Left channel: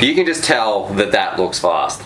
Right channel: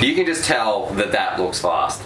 You can just tell that that looks fast.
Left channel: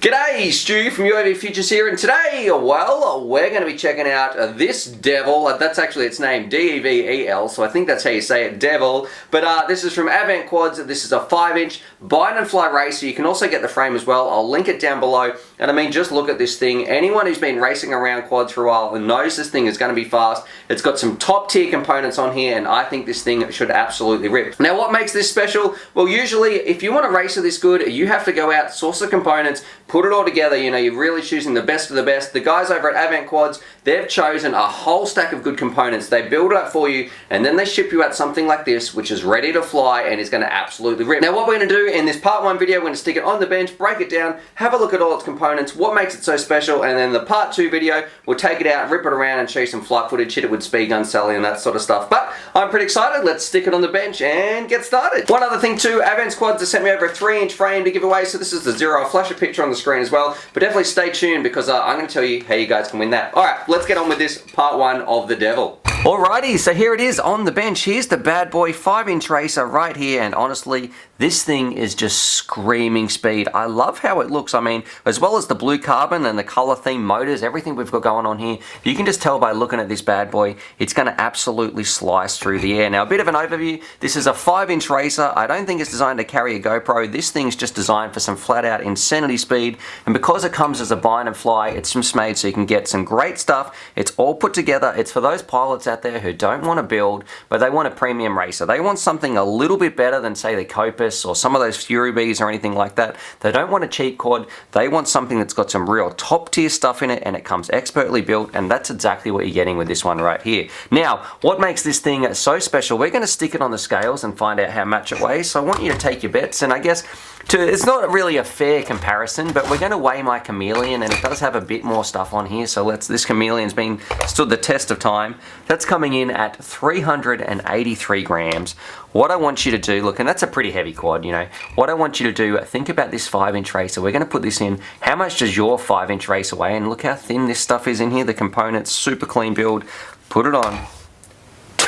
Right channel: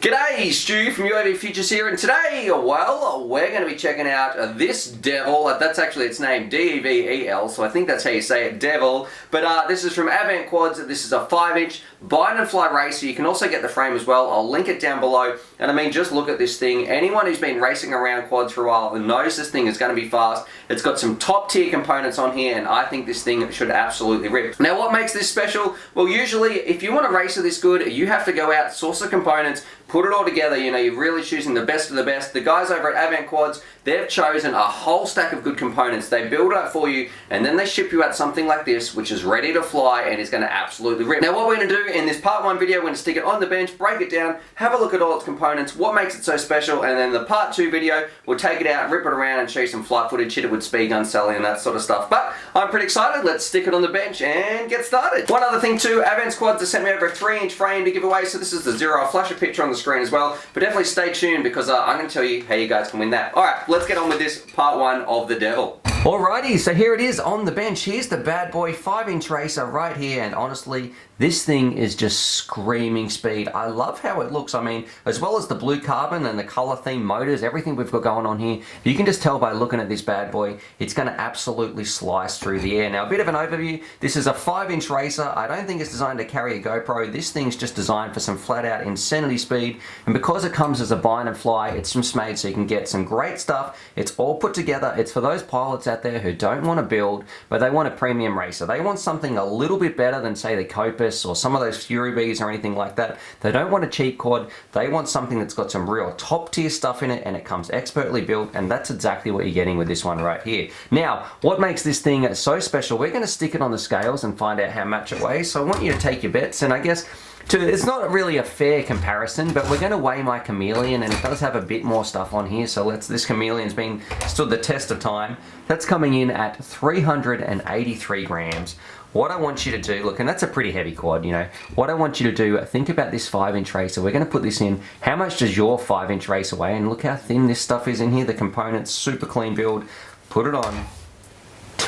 G'day, Stu from UAV Futures here, and today, well, we're going to be checking out this Devil. That's actually its name, D-E-V-E-L, so I think that's how you say it, Devil. But this is from Advent Quads. This is a 5-inch bind and fly racer. You can also get the frame as well. I'll link it down below. And I mean, just look at this thing. Anyone who's been racing around quads for a while knows this thing is going to be fast. It's got some top tier components on here, and I think this thing should absolutely rip. Now, what makes this special? Well, usually, if you want a racer this good, you have to go out, source the components, put it all together. You know, you're really choosing the best of the best. The guys over at Advent Quads, they've chosen a whole stack of good components. They build it up for you, and then they ship you out something like this, which is ready to fly and is going to absolutely rip. Now, what we're going to do in this part 1 video, we're going to stick it on the bench, break it down, have a look at all its components, what makes it so special, and then the part 2 video, we'll take it out, rip it around, and show you some flight footage, hit it with speed gun, Sally, and that sort of stuff. But I'm pretty excited. Let's stick it on the bench and get started. One other thing too, Advent Quads have sent me over a 3-inch frame to give away, so this is the Zero. I'll flash a picture on the screen as well, but definitely stay tuned because I'm going to tell you how you guys can win that. Alright, let's get on with this part 1 of the Devil. Alrighty, so here it is on the bench. Here's the bad boy 5-inch racer right here, and honestly, this thing is just screaming speed. I love how it looks. I mean, as well as the blue carbon and the color theme motors, everything we've got going on here, you can just tell by looking at this bad boy, it's going to absolutely slice through the air. Now, a bit of an overview. This is a 5-inch racer. I don't think it's designed to carry a GoPro. This thing's just designed for some flat out insanity speed, and because it comes as a bind and fly, it's just made so you can get some great stuff. It's all put together. It's for those pilots out there who don't want to build, but they want a premium racer. They want something a little bit better than, say, the Copus or some of those Fury Bees or anything like that. They don't want a cheap quad. They want something that's got some real top tier stuff in it, and it comes expertly built, and that's exactly what you're getting with this one right here. Now, what makes this thing so special? We're going to stick it on the scales and find out how much it weighs. So I want you to take your bets, and I guess it's not really a fair comparison, but we're going to weigh my Chameleon, and it does have a bit more stuff on here, so this Chameleon's been stood the test of time. That's coming in at 383 grams. What I want you to do, look, and that's a pretty heavy quad, you know. What I want you to do, think about this 5-inch racer. We're going to put this in. How much does your 5-inch racer weigh? And look how thin this stuff is in here. The components, super clean build. Put it on.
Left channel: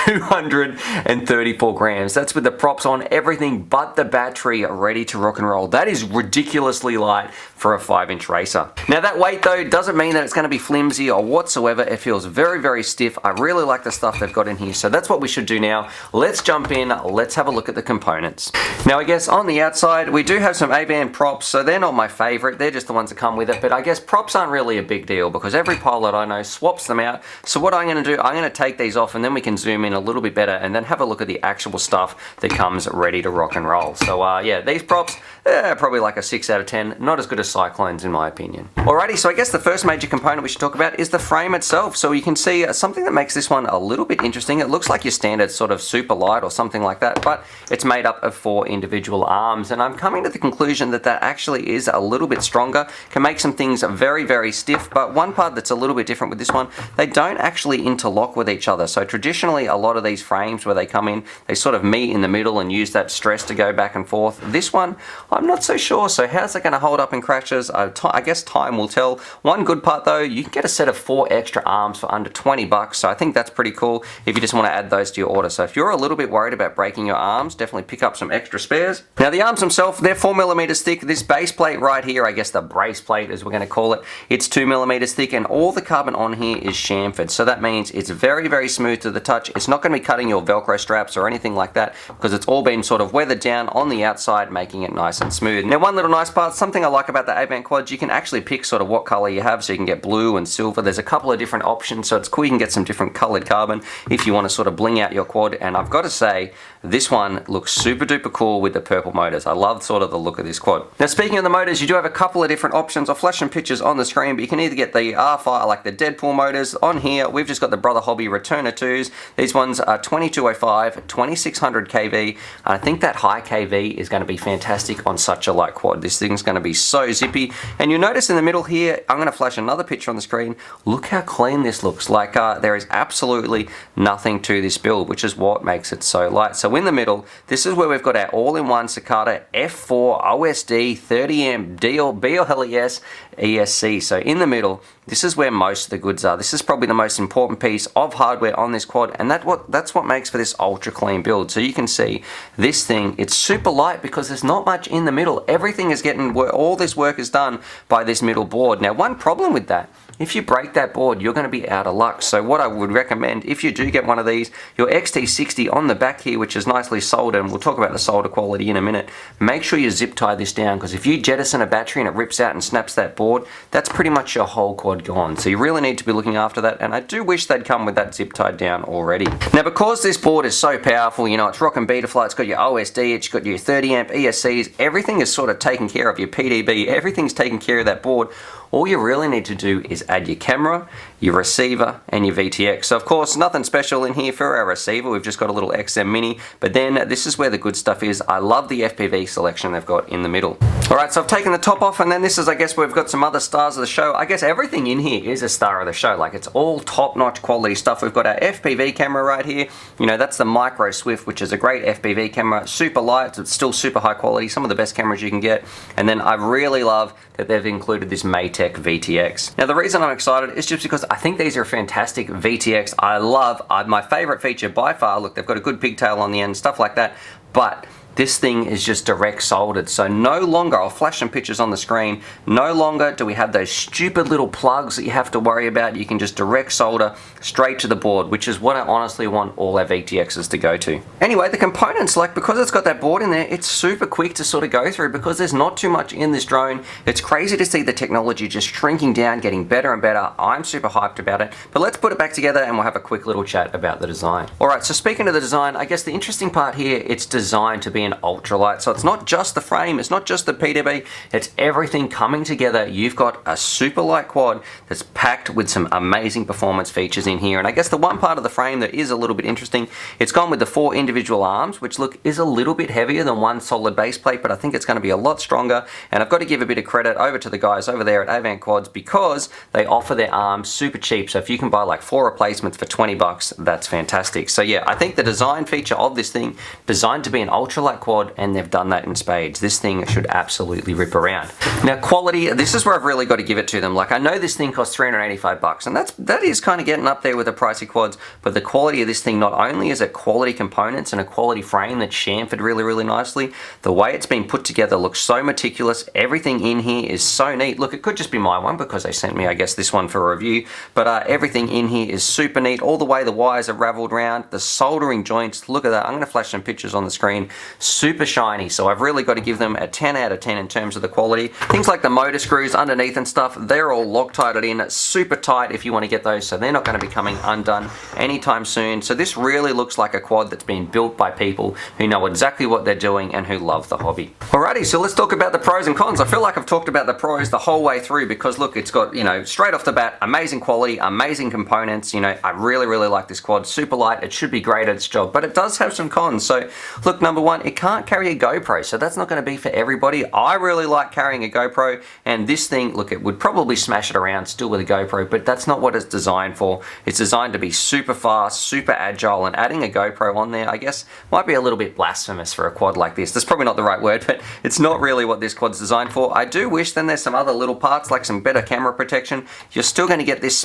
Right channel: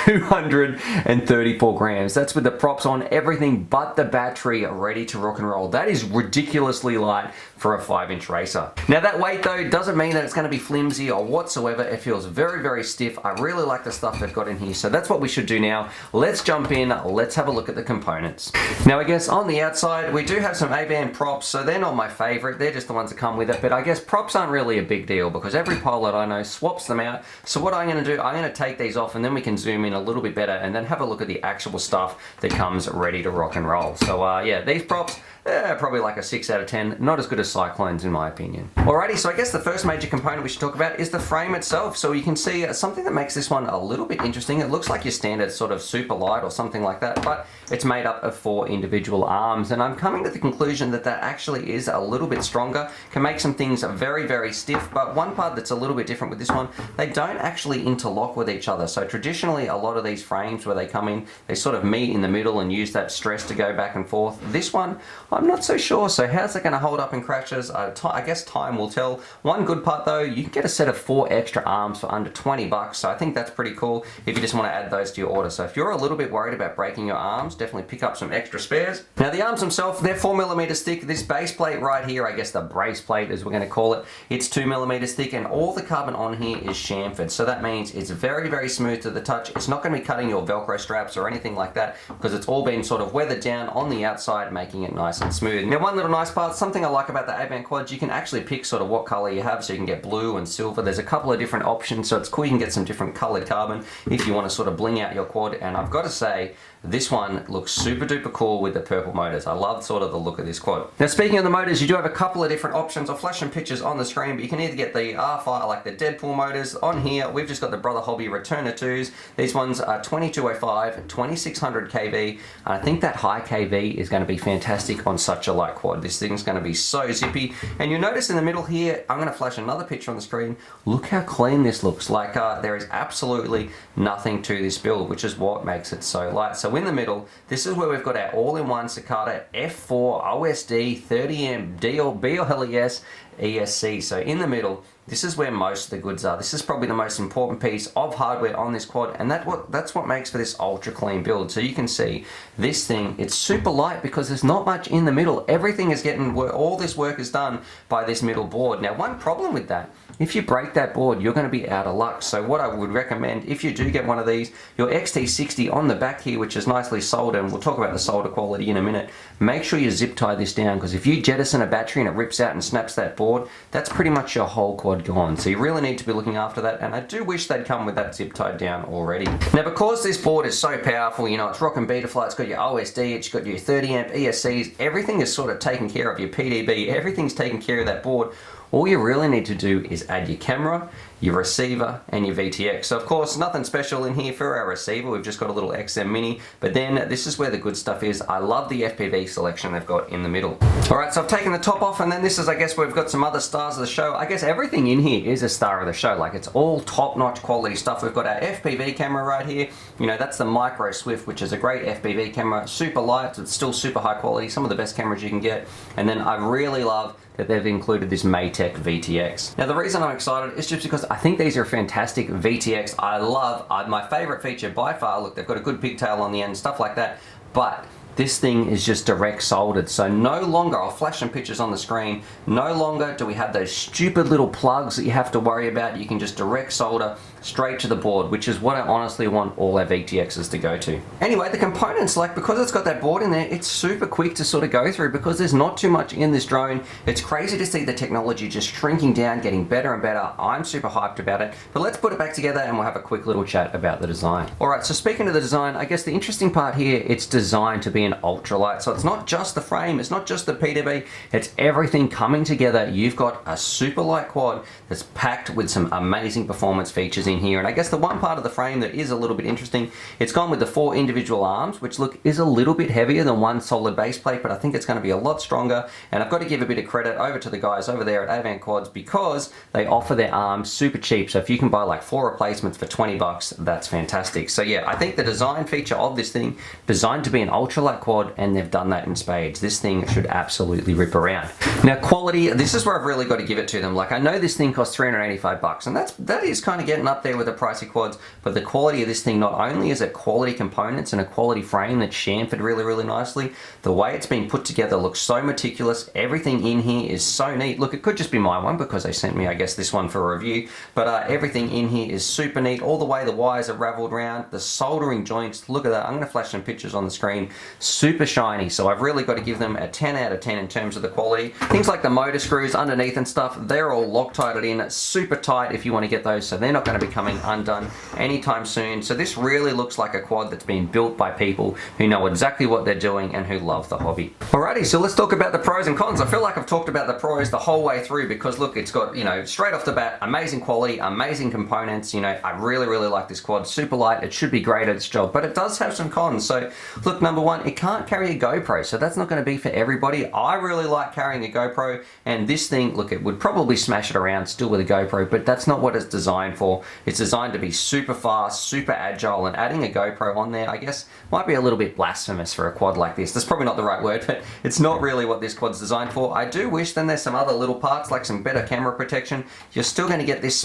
234 grams. That's with the props on, everything but the battery ready to rock and roll. That is ridiculously light for a 5-inch racer. Now, that weight though doesn't mean that it's going to be flimsy or whatsoever. It feels very, very stiff. I really like the stuff they've got in here, so that's what we should do now. Let's jump in, let's have a look at the components. Now, I guess on the outside we do have some A-band props, so they're not my favorite. They're just the ones that come with it, but I guess props aren't really a big deal because every pilot I know swaps them out. So what I'm going to do, I'm going to take these off, and then we can zoom in a little bit better and then have a look at the actual stuff that comes ready to rock and roll. So yeah, these props, probably like a 6 out of 10. Not as good as Cyclones in my opinion. Alrighty, so I guess the first major component we should talk about is the frame itself. So you can see something that makes this one a little bit interesting. It looks like your standard sort of super light or something like that, but it's made up of 4 individual arms, and I'm coming to the conclusion that that actually is a little bit stronger, can make some things very, very stiff, but one part that's a little bit different with this one, they don't actually interlock with each other. So traditionally, a lot of these frames where they come in, they sort of meet in the middle and use that stress to go back and forth. This one, I'm not so sure. So how's it going to hold up in crashes? I guess time will tell. One good part though, you can get a set of 4 extra arms for under 20 bucks. So I think that's pretty cool if you just want to add those to your order. So if you're a little bit worried about breaking your arms, definitely pick up some extra spares. Now the arms themselves, they're 4mm thick. This base plate right here, I guess the brace plate as we're going to call it, it's 2mm thick, and all the carbon on here is chamfered. So that means it's very, very smooth to the touch. It's not going to be cutting your Velcro straps or anything like that because it's all been sort of weathered down on the outside, making it nice and smooth. Now, one little nice part, something I like about the A-band quads, you can actually pick sort of what color you have, so you can get blue and silver. There's a couple of different options, so it's cool. You can get some different colored carbon if you want to sort of bling out your quad, and I've got to say, this one looks super duper cool with the purple motors. I love sort of the look of this quad. Now, speaking of the motors, you do have a couple of different options. I'll flash some pictures on the screen, but you can either get the R5, like the Deadpool motors. On here, we've just got the Brother Hobby Returner 2s. These ones are 2205, 2600 kV. I think that high kV is going to be fantastic on such a light quad. This thing's going to be so zippy. And you'll notice in the middle here, I'm going to flash another picture on the screen. Look how clean this looks. Like there is absolutely nothing to this build, which is what makes it so light. So in the middle, this is where we've got our all-in-one Cicada F4 OSD 30 amp BLES ESC. So in the middle, this is where most of the goods are. This is probably the most important piece of hardware on this quad, and that's what makes for this ultra clean build. So you can see this thing, it's super light because there's not much in the middle. Everything is getting, all this work is done by this middle board. Now, one problem with that, if you break that board, you're going to be out of luck. So what I would recommend, if you do get one of these, your XT60 on the back here, which is nicely soldered, and we'll talk about the solder quality in a minute, make sure you zip tie this down, because if you jettison a battery and it rips out and snaps that board, that's pretty much your whole quad gone. So you really need to be looking after that, and I do wish they'd come with that zip tied down already. Now, because this board is so powerful, you know, it's rocking Betaflight, it's got your OSD, it's got your 30 amp ESCs, everything is sort of taken care of, your PDB, everything's taken care of that board. All you really need to do is add your camera, your receiver, and your VTX. So of course, nothing special in here for our receiver. We've just got a little XM Mini, but then this is where the good stuff is. I love the FPV selection they've got in the middle. All right, so I've taken the top off, and then this is, I guess, where we've got some other stars of the show. I guess everything in here is a star of the show. Like, it's all top-notch quality stuff. We've got our FPV camera right here. You know, that's the Micro Swift, which is a great FPV camera. Super light, it's still super high quality. Some of the best cameras you can get. And then I really love that they've included this Matek VTX. Now, the reason I'm excited is just because I think these are fantastic VTX. I love, my favorite feature by far, look, they've got a good pigtail on the end, stuff like that, but this thing is just direct soldered. So no longer, I'll flash some pictures on the screen, no longer do we have those stupid little plugs that you have to worry about. You can just direct solder straight to the board, which is what I honestly want all our VTXs to go to. Anyway, the components, like, because it's got that board in there, it's super quick to sort of go through because there's not too much in this drone. It's crazy to see the technology just shrinking down, getting better and better. I'm super hyped about it, but let's put it back together and we'll have a quick little chat about the design. All right, so speaking of the design, I guess the interesting part here, it's designed to be an ultralight. So it's not just the frame, it's not just the PDB, it's everything coming together. You've got a super light quad that's packed with some amazing performance features in here. And I guess the one part of the frame that is a little bit interesting, it's gone with the 4 individual arms, which look, is a little bit heavier than one solid base plate, but I think it's going to be a lot stronger. And I've got to give a bit of credit over to the guys over there at Avant Quads, because they offer their arms super cheap. So if you can buy like 4 replacements for 20 bucks, that's fantastic. So yeah, I think the design feature of this thing, designed to be an ultralight quad, and they've done that in spades. This thing should absolutely rip around. Now, quality, this is where I've really got to give it to them. Like, I know this thing costs 385 bucks, and that is kind of getting up there with the pricey quads, but the quality of this thing, not only is it quality components and a quality frame that's chamfered really, really nicely, the way it's been put together looks so meticulous. Everything in here is so neat. Look, it could just be my one because they sent me, I guess, this one for a review, but everything in here is super neat. All the way the wires are raveled around, the soldering joints, look at that. I'm going to flash some pictures on the screen. Super shiny, so I've really got to give them a 10 out of 10 in terms of the quality. Things like the motor screws underneath and stuff, they're all Loctited in, super tight if you want to get those, so they're not going to be coming undone anytime soon. So this really looks like a quad that's been built by people who know exactly what they're doing and who love the hobby. Alrighty, so let's talk about the pros and cons. I feel like I've talked about the pros the whole way through because look, it's got, you know, straight off the bat, amazing quality, amazing components. You know, I really, really like this quad. Super light, it should be great at its job, but it does have some cons. So look, number one, it can't carry a GoPro, so that's not going to be for everybody. I really like carrying a GoPro, and this thing, look, it would probably smash it around still with a GoPro, but that's not what it's designed for. It's designed to be super fast, super agile, and adding a GoPro on there, I guess, might be a little bit blasphemous for a quad like this. That's probably not the right word, but it's not really what this quad's designed for. I do wish then there's some other little parts, like some better camera protection. You're still going to get this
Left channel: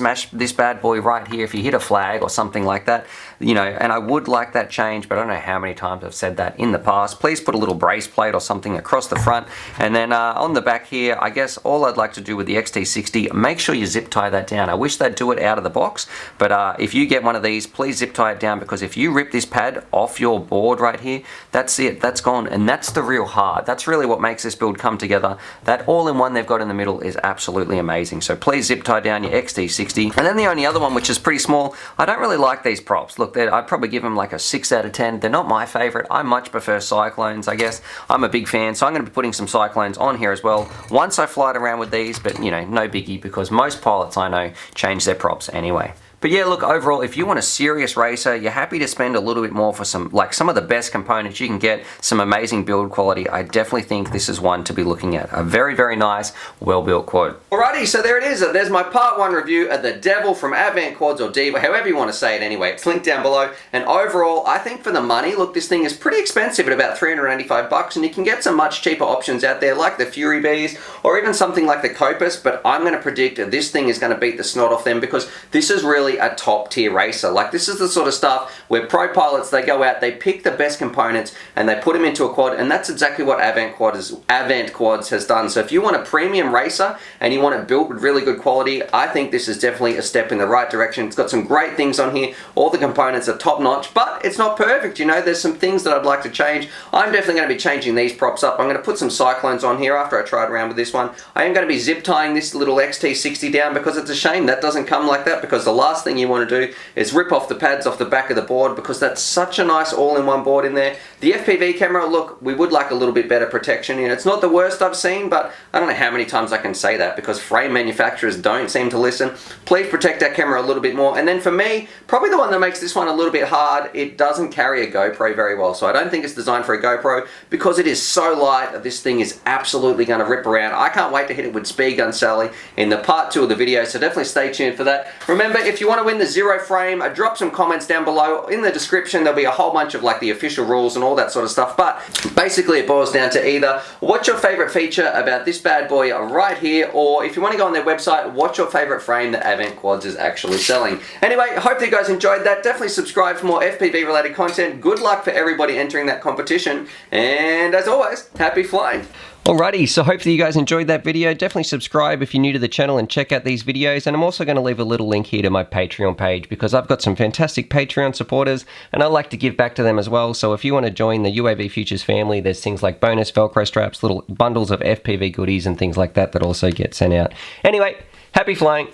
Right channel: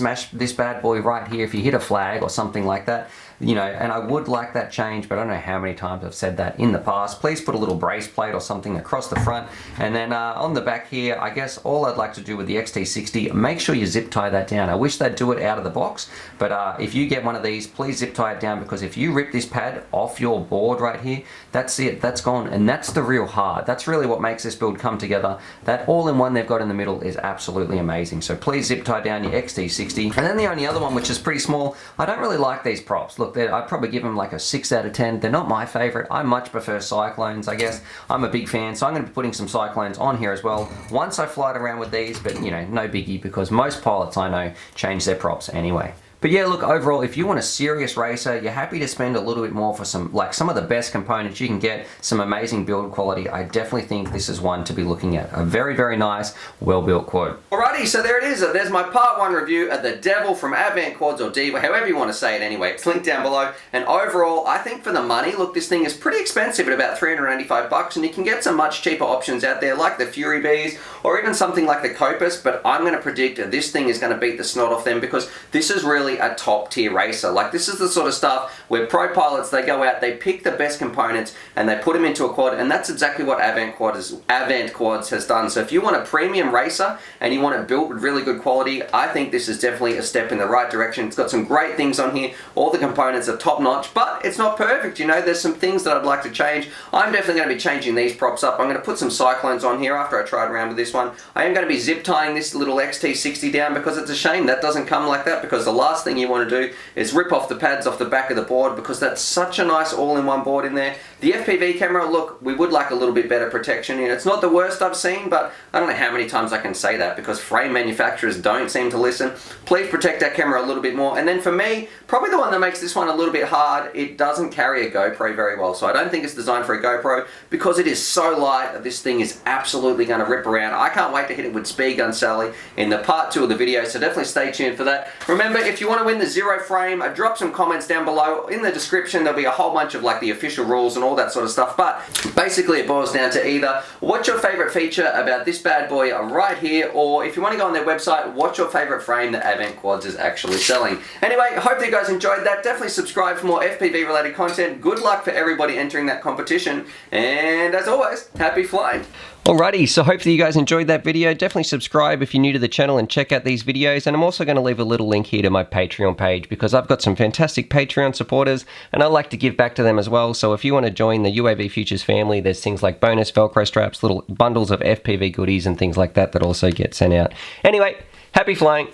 bad boy right here if you hit a flag or something like that. You know, and I would like that change, but I don't know how many times I've said that in the past. Please put a little brace plate or something across the front. And then on the back here, I guess all I'd like to do with the XT60, make sure you zip tie that down. I wish they'd do it out of the box, but if you get one of these, please zip tie it down, because if you rip this pad off your board right here, that's it, that's gone. And that's the real heart. That's really what makes this build come together. That all-in-one they've got in the middle is absolutely amazing. So please zip tie down your XT60. And then the only other one, which is pretty small, I don't really like these props. Look, I'd probably give them like a 6 out of 10. They're not my favorite. I much prefer Cyclones, I guess. I'm a big fan, so I'm going to be putting some Cyclones on here as well once I fly it around with these, but you know, no biggie, because most pilots I know change their props anyway. But yeah, look, overall, if you want a serious racer, you're happy to spend a little bit more for some of the best components you can get, some amazing build quality, I definitely think this is one to be looking at. A very, very nice, well-built quad. Alrighty, so there it is. There's my part 1 review of the Devil from Advant Quads, or Diva, however you want to say it anyway. It's linked down below. And overall, I think for the money, look, this thing is pretty expensive at about $385, and you can get some much cheaper options out there like the Fury Bees, or even something like the Copus, but I'm going to predict that this thing is going to beat the snot off them, because this is really a top tier racer. Like, this is the sort of stuff where pro pilots, they go out, they pick the best components and they put them into a quad, and that's exactly what Advant Quads has done. So if you want a premium racer and you want it built with really good quality, I think this is definitely a step in the right direction. It's got some great things on here. All the components are top notch, but it's not perfect. You know, there's some things that I'd like to change. I'm definitely going to be changing these props up. I'm going to put some Cyclones on here after I tried around with this one. I am going to be zip tying this little XT60 down, because it's a shame that doesn't come like that, because the last thing you want to do is rip off the pads off the back of the board, because that's such a nice all-in-one board in there. The FPV camera, look, we would like a little bit better protection. You know, it's not the worst I've seen, but I don't know how many times I can say that, because frame manufacturers don't seem to listen. Please protect that camera a little bit more. And then for me, probably the one that makes this one a little bit hard, it doesn't carry a GoPro very well. So I don't think it's designed for a GoPro, because it is so light. This thing is absolutely going to rip around. I can't wait to hit it with Speed Gun Sally in the part 2 of the video, so definitely stay tuned for that. Remember, if you want to win the Zero frame, drop some comments down below. In the description, there'll be a whole bunch of like the official rules and all that sort of stuff. But basically, it boils down to either what's your favorite feature about this bad boy right here, or if you want to go on their website, what's your favorite frame that Advant Quads is actually selling. Anyway, I hope that you guys enjoyed that. Definitely subscribe for more FPV related content. Good luck for everybody entering that competition, and as always, happy flying. Alrighty, so hopefully you guys enjoyed that video. Definitely subscribe if you're new to the channel and check out these videos. And I'm also going to leave a little link here to my Patreon page, because I've got some fantastic Patreon supporters and I like to give back to them as well. So if you want to join the UAV Futures family, there's things like bonus Velcro straps, little bundles of FPV goodies and things like that that also get sent out. Anyway, happy flying.